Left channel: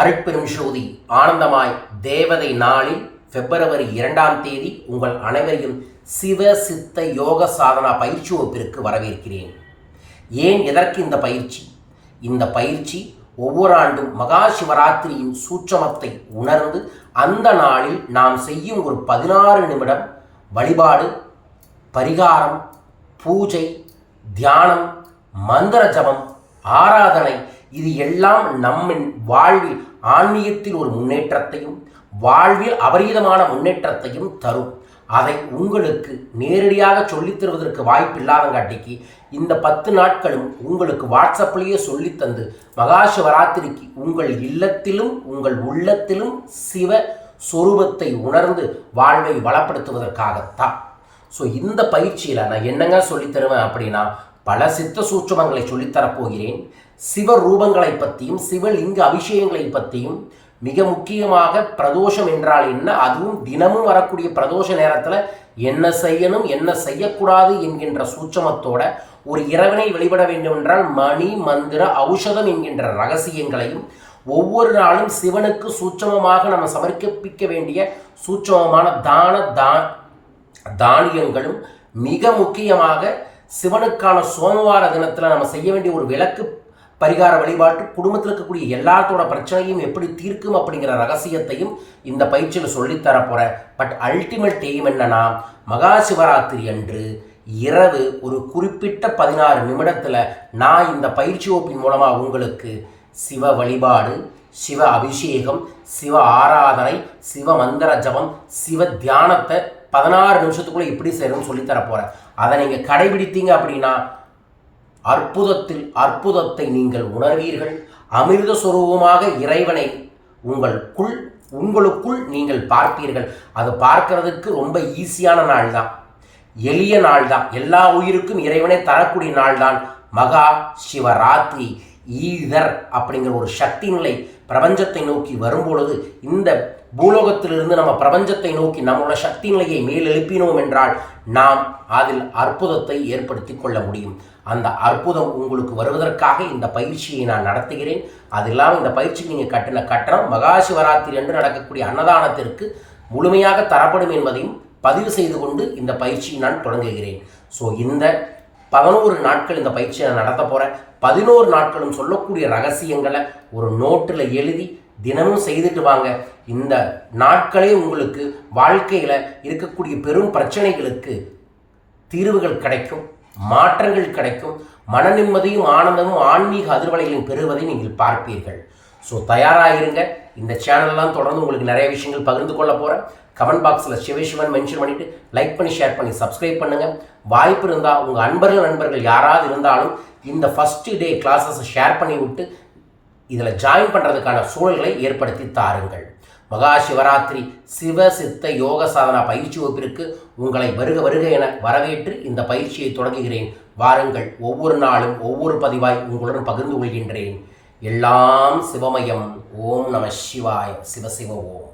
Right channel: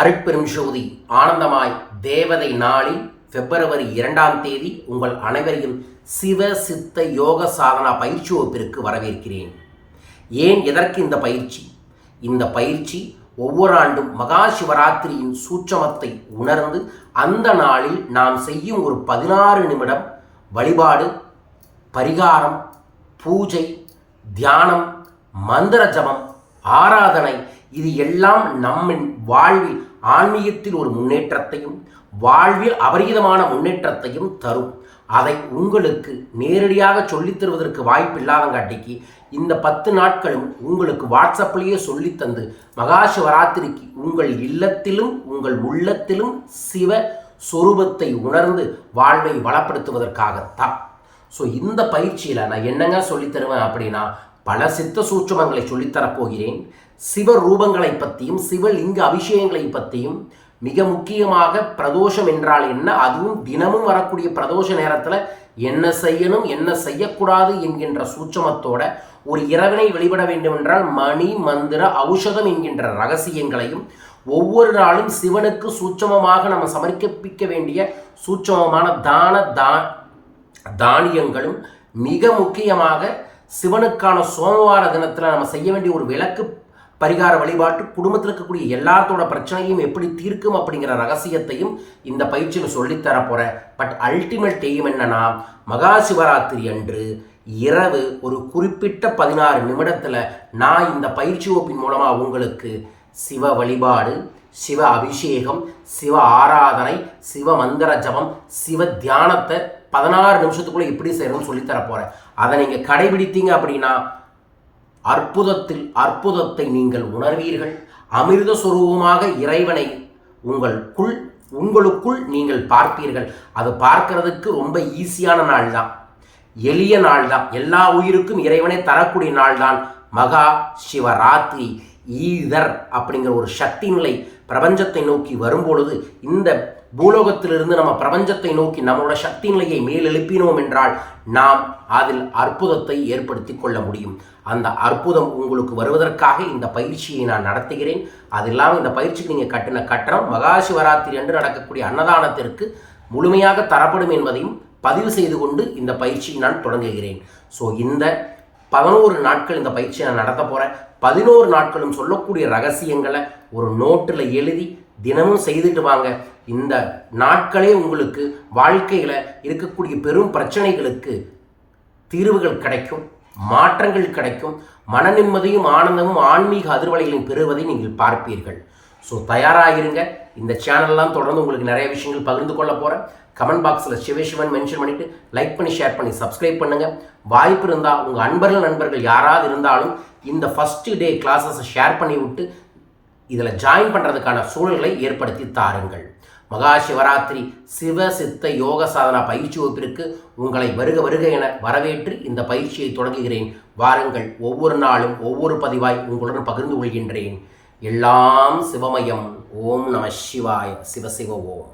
அருட்பெரும் ஜோதி ஆனந்தமாய் தேவதை நாளில் பிப்ரவரி 2ஆம் தேதி உங்கள் அனைவரையும் சிவ சித்த யோக சாதனா பயிற்சி வகுப்பிற்கு வரவேற்கிறேன். ஏன் எதற்கு இந்த பயிற்சி? இந்த பயிற்சி ஒவ்வொரு ஆண்டும் மகா சிவராத்திரியின் சூட்சமத்தை உணர்ந்து அந்த நாளில் நாம் செய்யும் ஒரு 16 நிமிடம் வழிபாடு, பரிகாரம், பூஜை, தியானம், மந்திர ஜபம், ஆராதனை, இது எல்லாம் நம்மின் வாழ்வில் ஆன்மீகத்தில் ஒரு முன்னேற்றத்தையும் வாழ்வில் அபரீதமான முன்னேற்றத்தையும் தரும். அதை உங்களுக்கு நேரடியாக சொல்லித் தருவதற்கு வாய்ப்பு இல்லாதங்காட்டிக்கு இந்த 10 நாட்களும் உங்களுக்கு வாட்ஸ்அப்லேயே சொல்லித்தந்து மகா சிவராத்திரிக்கு உங்கள் இல்லத்திலும் உங்கள் உள்ளத்திலும் சிவ சொரூபத்தை உணர்ந்து வாழ்வை வளப்படுத்துவதற்காகத்தான். ஸோ இந்த பயிற்சியில் நான் என்னங்க சொல்லித்தருவேன் அப்படின்னா, பல சித்த சூட்சமங்களை சொல்லித்தரப்போகிறேன். சிவ ரூபங்களை பற்றியும் சிவலிங்க அபிஷேகங்களை பற்றியும், மிக முக்கியமாக பிரதோஷம் என்றால் என்ன, அதுவும் தினமும் வரக்கூடிய பிரதோஷ நேரத்தில் என்ன செய்யணும் என்ன செய்யக்கூடாது என்கின்ற சூட்சமத்தோட ஒரு இறைவனை வழிபட வேண்டும் என்றால் மணி மந்திர ஔஷதம் என்கின்ற ரகசியங்களையும், ஒவ்வொரு நாளும் சிவனுக்கு சூட்சமமாக நம்ம சமர்ப்பிக்க வேண்டிய சூட்சமமான தானியங்களும், மிக முக்கியமாக சிவனுக்கான சோமவார தினத்தில் நம்ம செய்ய வேண்டிய ஒரு விளக்கு பரிகார வழிபாட்டு, குடும்பத்தில் இருக்கக்கூடிய எல்லாத்தோட பிரச்சனையும் எப்படி தீர்க்கும் அப்படிங்கிற ரகசியத்தையும் இந்த பயிற்சியில் சொல்லித்தரப்போகிறேன். பட் அல்டிமேட் எய்ம் என்னன்னா, மகா சிவராத்திரி அன்று இரவு ஒரு குறிப்பிட்ட 16 நிமிடத்தில் நான் இந்த பயிற்சி வகுப்பின் மூலமாக உங்களுக்கு சிவ வழிபாடு, சிவ அபிஷேகம், சிவ ஆராதனை, சிவ மந்திர ஜபம், சிவ தியானத்தை 16 நிமிஷத்துக்குள்ளே எப்படி செய்யணும்னு சொல்லித்தரப்போகிறேன். அதை நீங்கள் கடைபிடித்தீங்க அப்படின்னா அற்புதத்தை நீங்கள் உணர்வீர்கள். அமிர்த சுரூபமாக இறைவனை உங்களுக்குள் நீங்கள் பார்ப்பீர்கள். அது பார்க்கறதுக்கு ரொம்ப ஈஸியான நாள் தான், எளிய நாள் தான், எல்லா உயிருக்கும் இறைவனை தரக்கூடிய நாள் தான் மகா சிவராத்திரி. ஈதர் அப்படிங்கிற ஒரு சக்தி நிலை பிரபஞ்சத்தை நோக்கி வரும்பொழுது, இந்த பூலோகத்திலிருந்து நம்ம பிரபஞ்சத்தை நோக்கி நம்மளோட சக்தி நிலையை மேலெழுப்பினோம் என்றால் நாம் அதில் அற்புதத்தை ஏற்படுத்தி கொள்ள முடியும். அந்த அற்புதம் உங்களுக்கு வருவதற்காக இந்த பயிற்சியை நான் நடத்துகிறேன். அது இல்லாமல் இந்த பயிற்சிக்கு நீங்கள் கட்டின கட்டணம் மகா சிவராத்திரி அன்று நடக்கக்கூடிய அன்னதானத்திற்கு முழுமையாக தரப்படும் என்பதையும் பதிவு செய்து கொண்டு இந்த பயிற்சியை நான் தொடங்குகிறேன். ஸோ இந்த 11 நாட்கள் இந்த பயிற்சியை நான் நடத்த போகிறேன். 11 நாட்களும் சொல்லக்கூடிய ரகசியங்களை ஒரு நோட்டில் எழுதி தினமும் செய்துட்டு வாங்க. இந்த நாட்களே உங்களுக்கு வாழ்க்கையில் இருக்கக்கூடிய பெரும் பிரச்சனைகளுக்கு தீர்வுகள் கிடைக்கும், மாற்றங்கள் கிடைக்கும், மன நிம்மதியும் ஆனந்தமும் ஆன்மீக அதிர்வலைகளையும் பெறுவதை நீங்கள் பார்ப்பீர்கள். ஸோ தயாராகிருங்க. இந்த சேனல்லாம் தொடர்ந்து உங்களுக்கு நிறைய விஷயங்கள் பகிர்ந்து கொள்ள போகிறேன். கமெண்ட் பாக்ஸில் சிவசிவன் மென்ஷன் பண்ணிவிட்டு லைக் பண்ணி ஷேர் பண்ணி சப்ஸ்கிரைப் பண்ணுங்கள். வாய்ப்பு இருந்தால் உங்கள் நண்பர்கள் யாராவது இருந்தாலும் இந்த ஃபஸ்ட்டு டே கிளாஸஸை ஷேர் பண்ணி விட்டு இதில் ஜாயின் பண்ணுறதுக்கான சூழல்களை ஏற்படுத்தி தாருங்கள். மகா சிவராத்திரி சிவ சித்த யோக சாதனா பயிற்சி வகுப்பிற்கு உங்களை வருக என வரவேற்று இந்த பயிற்சியை தொடங்குகிறேன். வாருங்கள். ஒவ்வொரு நாளும் ஒவ்வொரு பதிவாய் உங்களுடன் பகிர்ந்து கொள்கின்றேன். எல்லாம் சிவமயம். ஓம் நம சிவாய. சிவ ஓம்.